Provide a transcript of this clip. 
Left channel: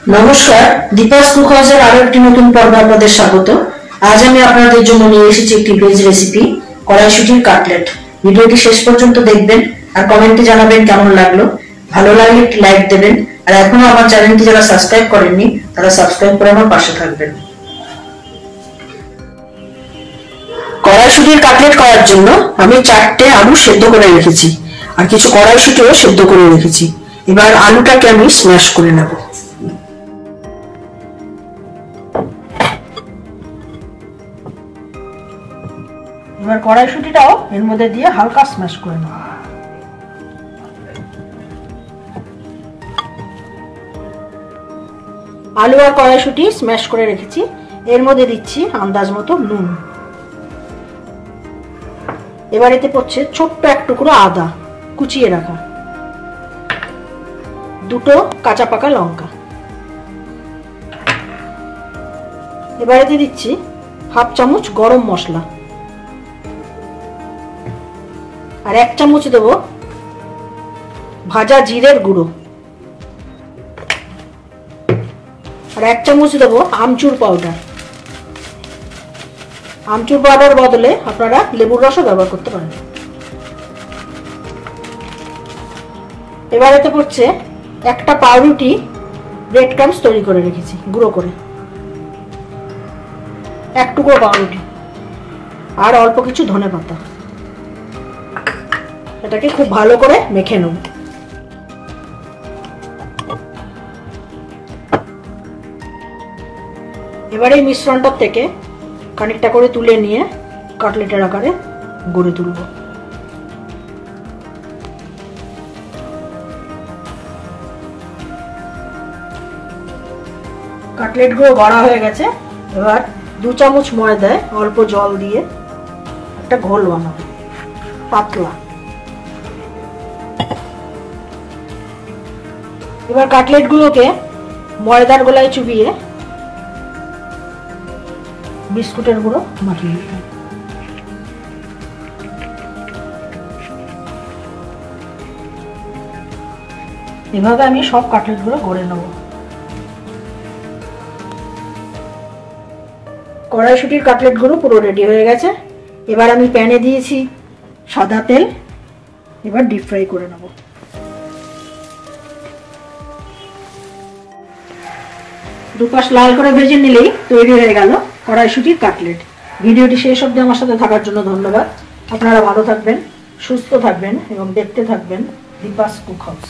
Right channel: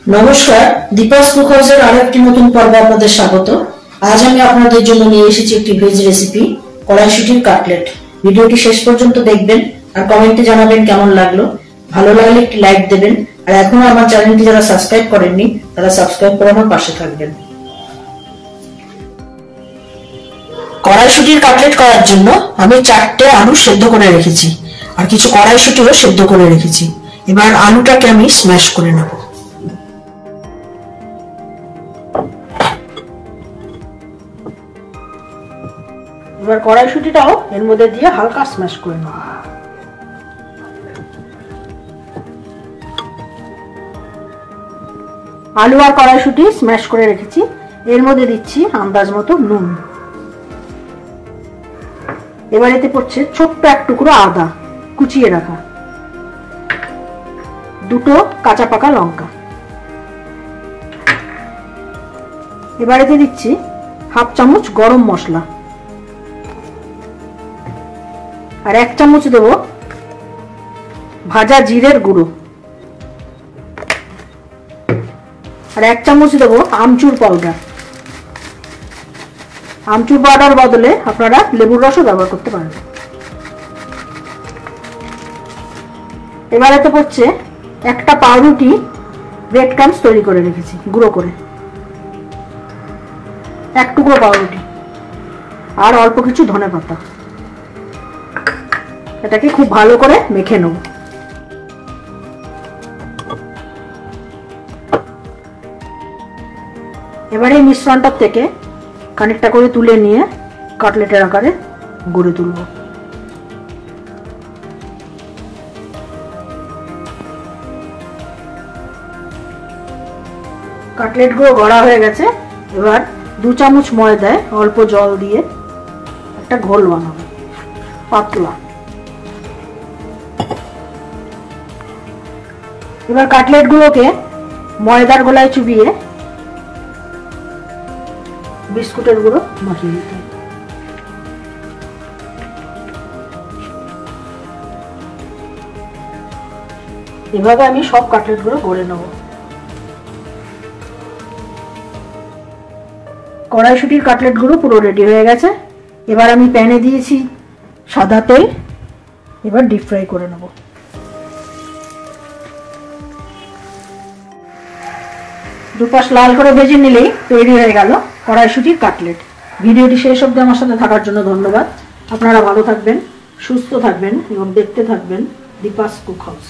নমস্কার, দীপাস কুক হাউসের আরো একটি নতুন পর্বে আপনাদের স্বাগত। আজ আমি আপনাদের জন্য নিয়ে এসেছি একটি ভেজ রেসিপি, কড়াইশুঁটির কাটলেট। ভিডিওটি শেষ পর্যন্ত দেখবেন আর কমেন্টে জানাবেন কেমন লাগলো। ভালো লাগলে একটি লাইক দেবেন, আর এখনো আমার চ্যানেলটি যারা সাবস্ক্রাইব করেননি তারা সাবস্ক্রাইব করে আমার পাশে থাকবেন। কড়াইশুঁটির কাটলেট করার জন্য আমি 4টে আলু সেদ্ধ করে রেখেছি আর কিছু কড়াইশুঁটিও সেদ্ধ করে রেখেছি। এবার আলুটাকে আমি স্ম্যাশ করে নেব। এবার কড়াইশুঁটিটাও এর মধ্যে দিয়ে হালকা স্ম্যাশ করে নেব। আলু আর কড়াইশুঁটি স্ম্যাশ করে রেখেছি, এর মধ্যে দিচ্ছি আন্দাজ মতো নুন। এবার এতে পড়ছে ছোট্ট এক টুকরো আদা কুচিয়ে রাখা, 2টো কাঁচা পাকা লঙ্কা। এবার এতে দিচ্ছি 1/2 চামচ গরম মশলা, আর 1 চামচ দেব ভাজা জিরের গুঁড়ো, আর 1 চামচ দেব আমচুর পাউডার। আমচুর পাউডার বদলে আপনারা লেবুর রসও ব্যবহার করতে পারেন। এবার এতে পড়ছে একটা পাউরুটি ব্রেড ক্রাম্বস তৈরি করে রেখেছি গুঁড়ো করে, 1 টুকরো পাউরুটি, আর অল্প কিছু ধনেপাতা। এটাকে খুব ভালো করে মেখে নেব। এবারে এই মিশ্রণটার থেকে খানিকটা করে তুলে নিয়ে কাটলেটের আকারে গড়ে তুলব। কাটলেট গুলো গড়া হয়ে গেছে। এবার 2 চামচ ময়দায় অল্প জল দিয়ে একটা ঘোল বানাবো, পাতলা। এবার কাটলেট গুলোকে ময়দার গোলায় চুবিয়ে বিস্কুটের গুঁড়ো মাখিয়ে দিতে হবে। এভাবে আমি সব কাটলেট গুলো গড়ে নেব। কড়াইশুঁটির কাটলেট গুলো পুরো রেডি হয়ে গেছে। এবার আমি প্যানে দিয়েছি সাদা তেল, এবার ডিপ ফ্রাই করে নেব। দুপাশ লাল করে ভেজে নিলেই তৈরি হয়ে গেল কড়াইশুঁটির কাটলেট। ভিডিওটি শেষ অবধি আমার সাথে থাকার জন্য ধন্যবাদ। আপনারা ভালো থাকবেন, সুস্থ থাকবেন এবং দেখতে থাকবেন দীপাস কুক হাউস।